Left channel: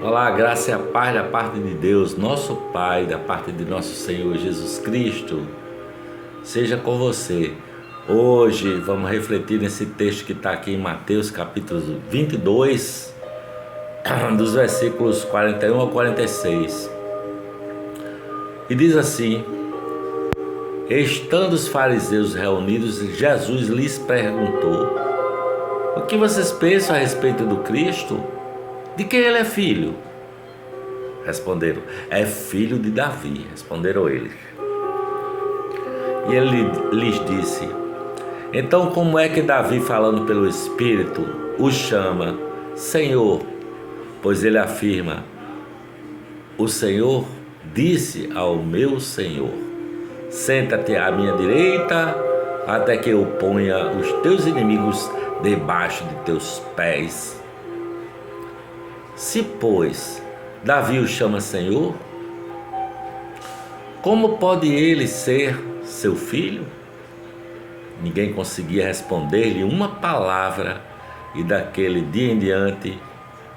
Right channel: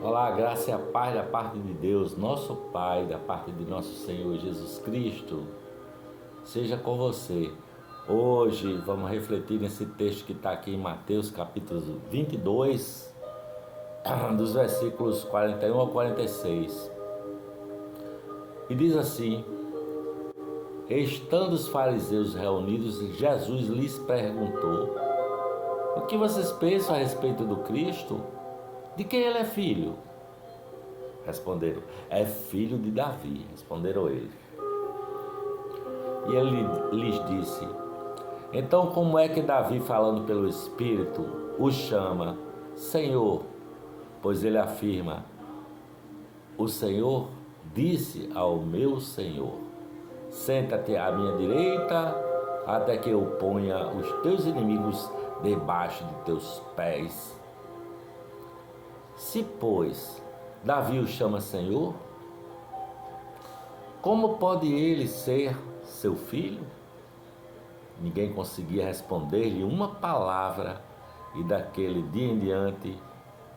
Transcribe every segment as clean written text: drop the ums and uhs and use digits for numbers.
Olá, graça e a paz da parte de Deus, nosso Pai, da parte de nosso Senhor Jesus Cristo, seja com você. Hoje vamos refletir nesse texto que está aqui em Mateus capítulo 22, dos versículos 41 ao 46. E diz assim: Estando os fariseus reunidos, Jesus lhes perguntou: O que vocês pensam a respeito do Cristo? De quem ele é filho? Responderam: É filho de Davi. Responderam eles. E ele lhes disse: Então como é que Davi, falando pelo Espírito, o chama Senhor? Pois ele afirma: O Senhor disse ao meu Senhor: Senta-te à minha direita, até que eu ponha os teus inimigos debaixo de teus pés. Se, pois, Davi o chama Senhor, como pode ele ser seu filho? Ninguém conseguia responder-lhe uma palavra, e daquele dia em diante,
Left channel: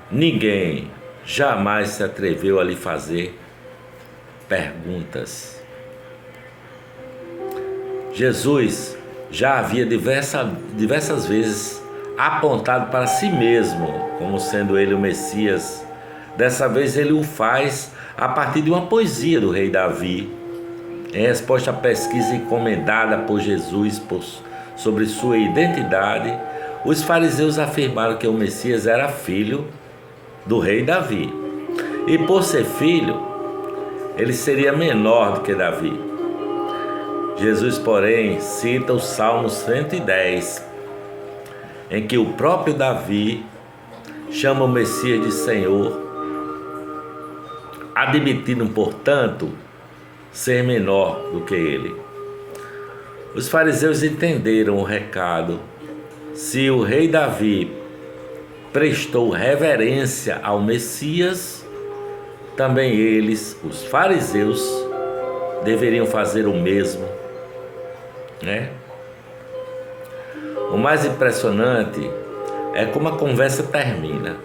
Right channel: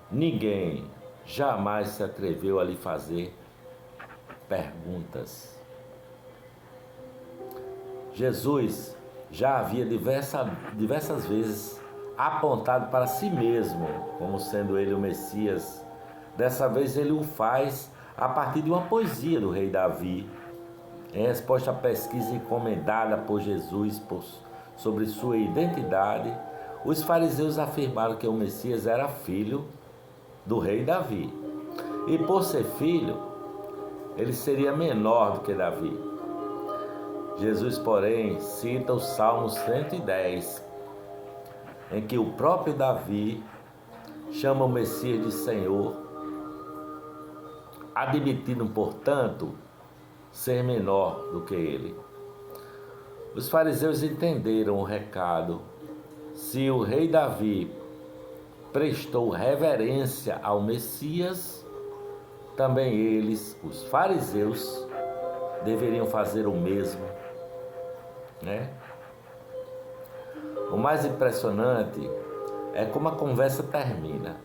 ninguém jamais se atreveu a lhe fazer perguntas. Jesus já havia diversas vezes apontado para si mesmo como sendo ele o Messias. Dessa vez ele o faz a partir de uma poesia do rei Davi, em resposta à pesquisa encomendada por Jesus sobre sua identidade. Os fariseus afirmaram que o Messias era filho do rei Davi, e por ser filho, ele seria menor do que Davi. Jesus, porém, cita o Salmo 110, em que o próprio Davi chama o Messias de Senhor, admitindo, portanto, ser menor do que ele. Os fariseus entenderam o recado. Se o rei Davi prestou reverência ao Messias, também eles, os fariseus, deveriam fazer o mesmo, né? O mais impressionante é como a conversa termina.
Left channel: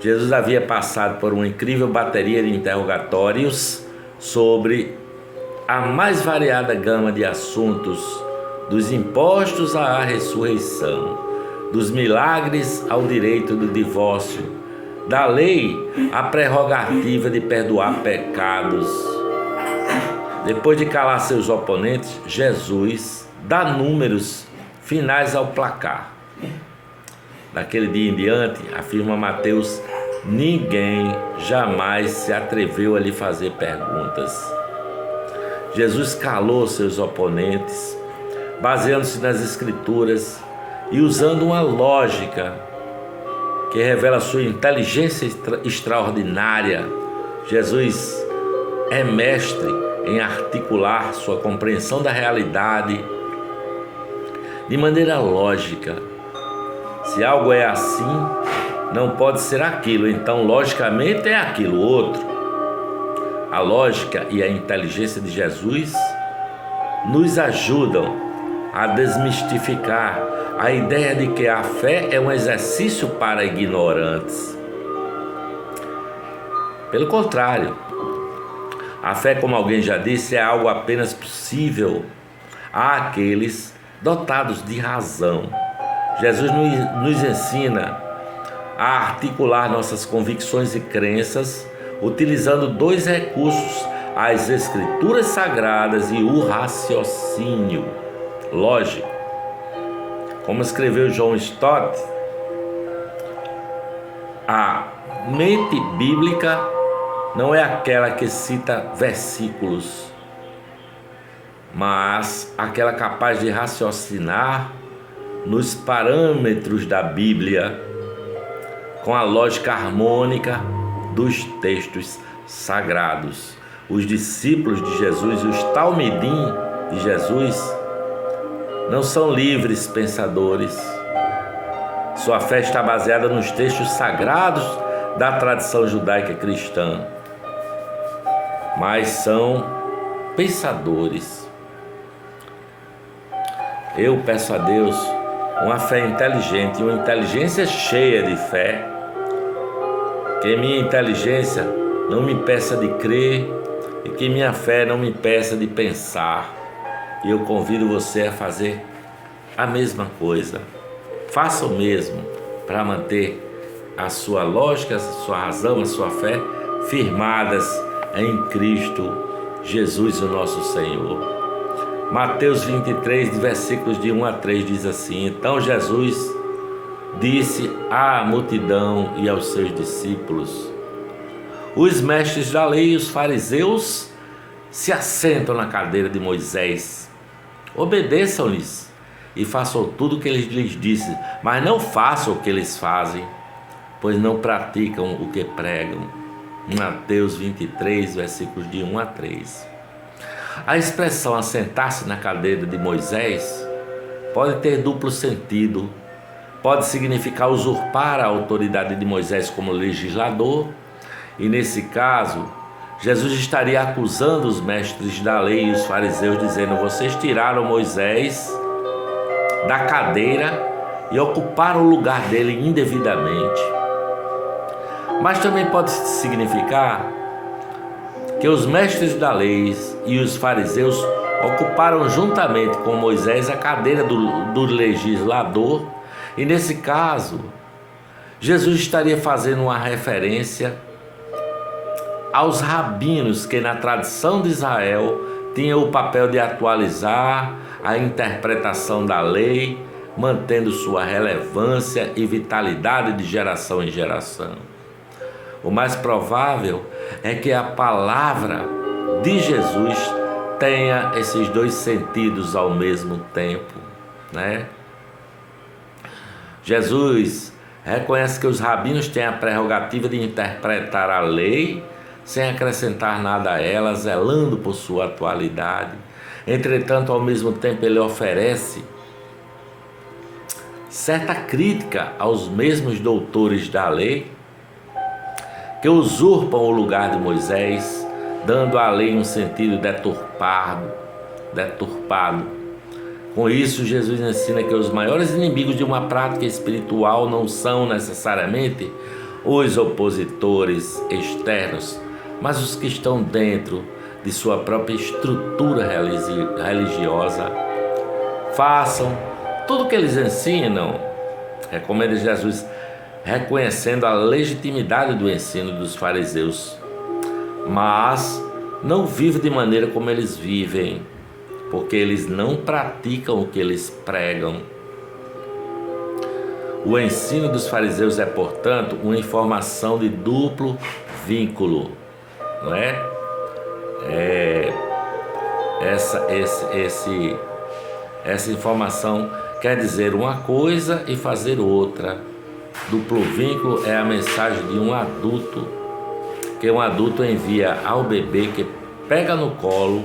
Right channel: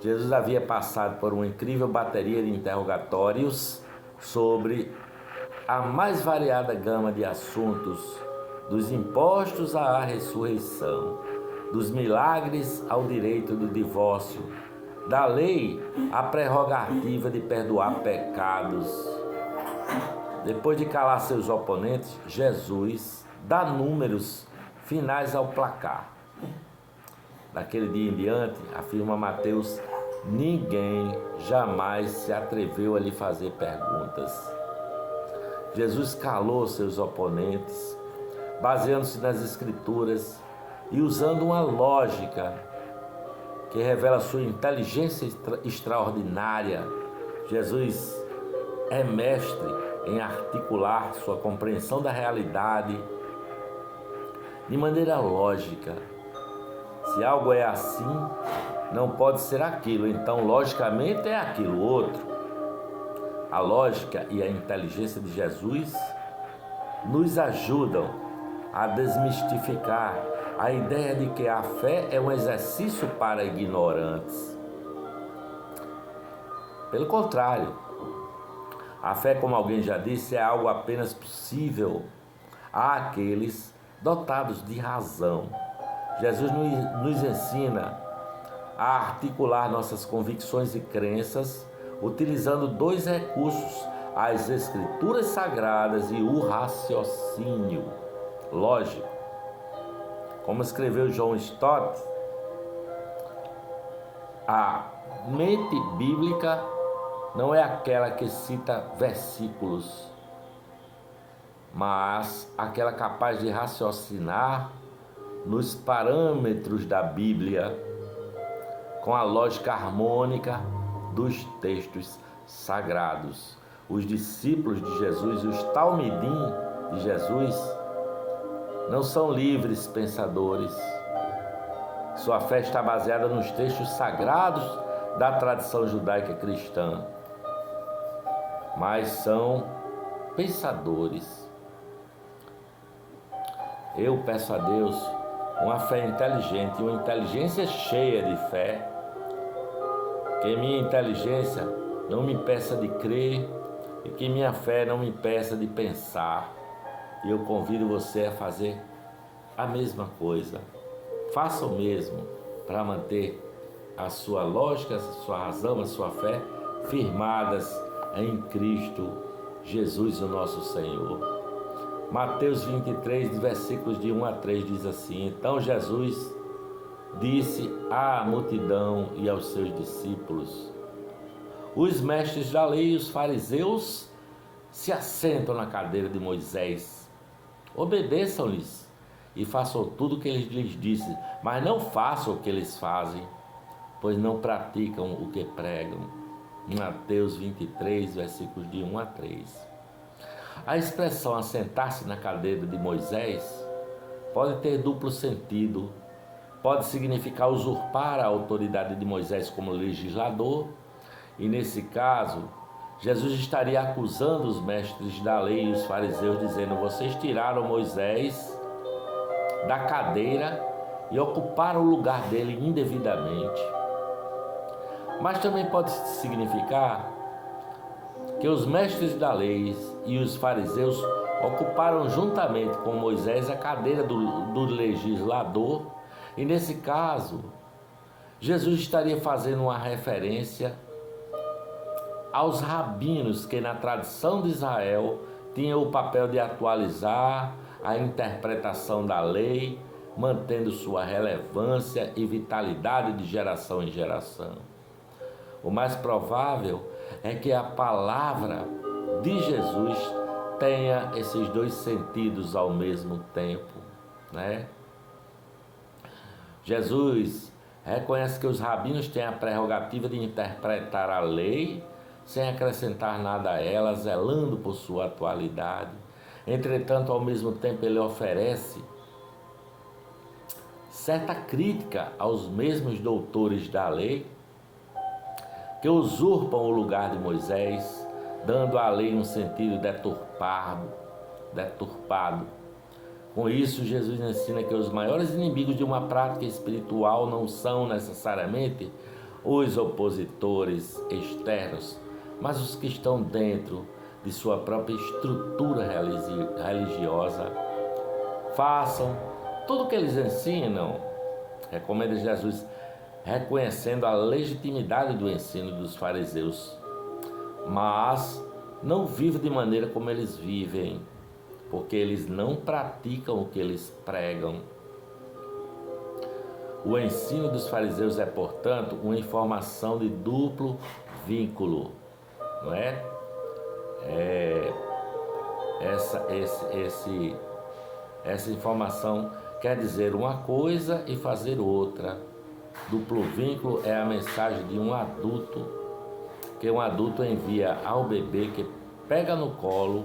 Jesus havia passado por uma incrível bateria de interrogatórios sobre a mais variada gama de assuntos, dos impostos à ressurreição, dos milagres ao direito do divórcio, da lei à prerrogativa de perdoar pecados. Depois de calar seus oponentes, Jesus dá números finais ao placar. Daquele dia em diante, afirma Mateus, ninguém jamais se atreveu a lhe fazer perguntas. Jesus calou seus oponentes, baseando-se nas Escrituras e usando uma lógica que revela sua inteligência extraordinária. Jesus é mestre em articular sua compreensão da realidade de maneira lógica. Se algo é assim, não pode ser aquilo, então logicamente é aquilo outro. A lógica e a inteligência de Jesus nos ajudam a desmistificar a ideia de que a fé é um exercício para ignorantes. Pelo contrário, a fé, como alguém já disse, é algo apenas possível àqueles dotados de razão. Jesus nos ensina a articular nossas convicções e crenças utilizando dois recursos: as Escrituras Sagradas e o raciocínio lógico. Como escreveu John Stott, a mente bíblica não é aquela que cita versículos, mas aquela capaz de raciocinar nos parâmetros da Bíblia, com a lógica harmônica dos textos sagrados. Os discípulos de Jesus e os talmidim de Jesus não são livres pensadores. Sua fé está baseada nos textos sagrados da tradição judaica cristã, mas são pensadores. Eu peço a Deus uma fé inteligente e uma inteligência cheia de fé, Que minha inteligência não me impeça de crer e que minha fé não me impeça de pensar. E eu convido você a fazer a mesma coisa. Faça o mesmo para manter a sua lógica, a sua razão, a sua fé firmadas em Cristo Jesus, o nosso Senhor. Mateus 23, versículos de 1 a 3 diz assim: Então Jesus disse à multidão e aos seus discípulos: Os mestres da lei e os fariseus se assentam na cadeira de Moisés. Obedeçam-lhes e façam tudo o que ele lhes disse, mas não façam o que eles fazem, pois não praticam o que pregam. Mateus 23, versículos de 1 a 3. A expressão assentar-se na cadeira de Moisés pode ter duplo sentido. Pode significar usurpar a autoridade de Moisés como legislador, e nesse caso, Jesus estaria acusando os mestres da lei e os fariseus, dizendo: vocês tiraram Moisés da cadeira e ocuparam o lugar dele indevidamente. Mas também pode significar que os mestres da lei e os fariseus ocuparam juntamente com Moisés a cadeira do legislador, e nesse caso, Jesus estaria fazendo uma referência aos rabinos que na tradição de Israel tinham o papel de atualizar a interpretação da lei, mantendo sua relevância e vitalidade de geração em geração. O mais provável é que a palavra de Jesus tenha esses dois sentidos ao mesmo tempo, né? Jesus reconhece que os rabinos têm a prerrogativa de interpretar a lei sem acrescentar nada a ela, zelando por sua atualidade. Entretanto, ao mesmo tempo, ele oferece certa crítica aos mesmos doutores da lei que usurpam o lugar de Moisés, dando à lei um sentido deturpado. Com isso, Jesus ensina que os maiores inimigos de uma prática espiritual não são necessariamente os opositores externos, mas os que estão dentro de sua própria estrutura religiosa. Façam tudo o que eles ensinam, recomenda Jesus, reconhecendo a legitimidade do ensino dos fariseus, mas não vivam de maneira como eles vivem, porque eles não praticam o que eles pregam. O ensino dos fariseus é, portanto, uma informação de duplo vínculo, não é? Essa informação quer dizer uma coisa e fazer outra. Duplo vínculo é a mensagem de um adulto, que um adulto envia ao bebê que pega no colo,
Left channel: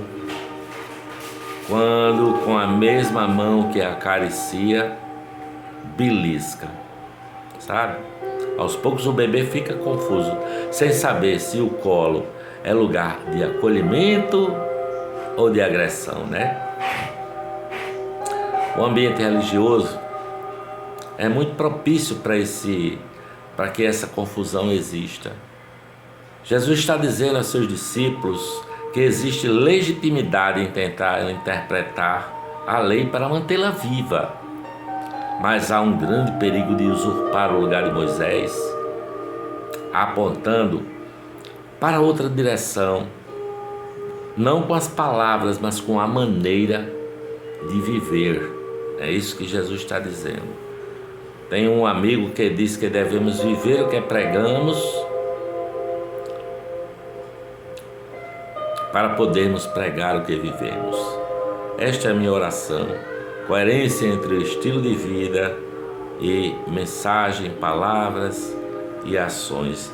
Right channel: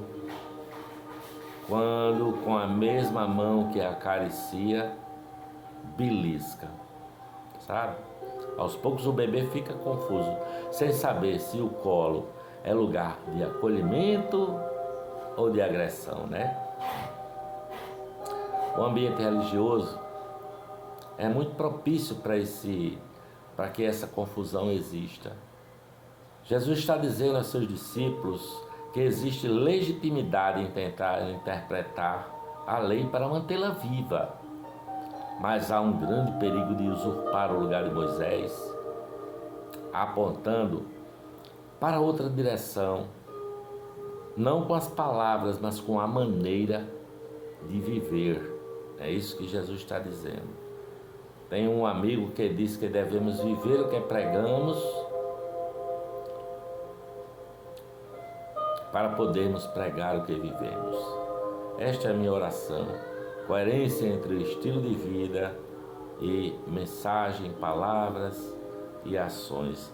quando com a mesma mão que acaricia, belisca, sabe? Aos poucos o bebê fica confuso, sem saber se o colo é lugar de acolhimento ou de agressão, né? O ambiente religioso é muito propício para que essa confusão exista. Jesus está dizendo a seus discípulos que existe legitimidade em tentar interpretar a lei para mantê-la viva, mas há um grande perigo de usurpar o lugar de Moisés, apontando para outra direção, não com as palavras, mas com a maneira de viver. É isso que Jesus está dizendo. Tem um amigo que diz que devemos viver o que pregamos para podermos pregar o que vivemos. Esta é a minha oração. Coerência entre o estilo de vida e mensagem, palavras e ações.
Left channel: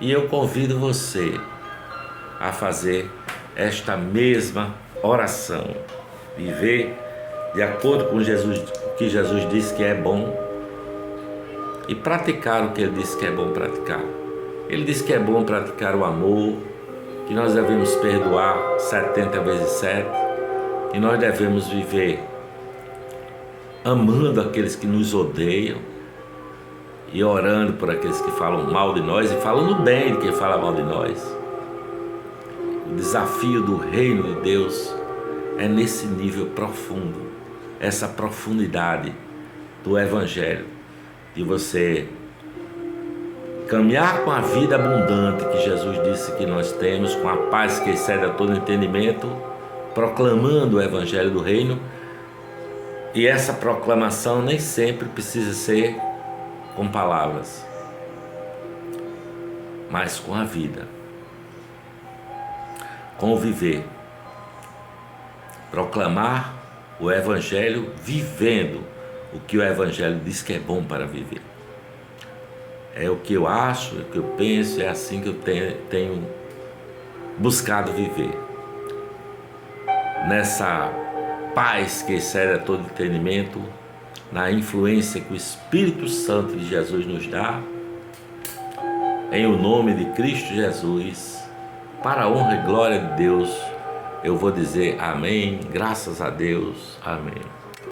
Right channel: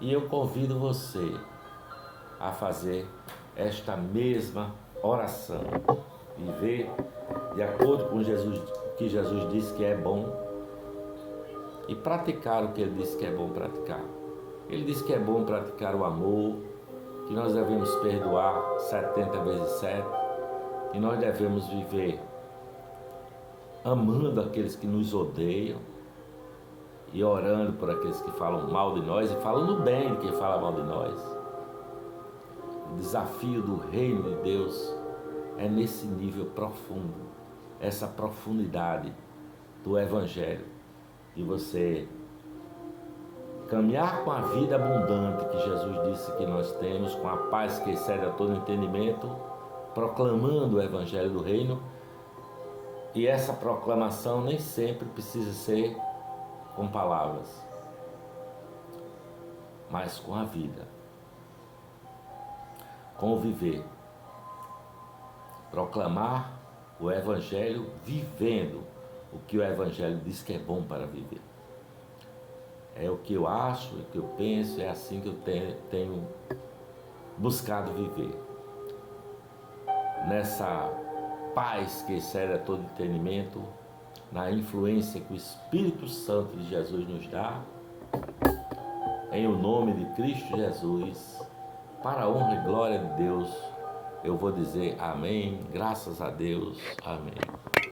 E eu convido você a fazer esta mesma oração. Viver de acordo com o que Jesus disse que é bom e praticar o que Ele disse que é bom praticar. Ele disse que é bom praticar o amor, que nós devemos perdoar 70 vezes 7, que nós devemos viver amando aqueles que nos odeiam e orando por aqueles que falam mal de nós e falando bem de quem fala mal de nós. O desafio do reino de Deus é nesse nível profundo, essa profundidade do Evangelho, de você caminhar com a vida abundante que Jesus disse que nós temos, com a paz que excede a todo entendimento, proclamando o Evangelho do Reino. E essa proclamação nem sempre precisa ser com palavras, mas com a vida, com o viver. Proclamar o Evangelho vivendo o que o Evangelho diz que é bom para viver. É o que eu acho, é o que eu penso, é assim que eu tenho buscado viver. Nessa paz que excede a todo entendimento, na influência que o Espírito Santo de Jesus nos dá, em o nome de Cristo Jesus, para a honra e glória de Deus, eu vou dizer amém, graças a Deus, amém.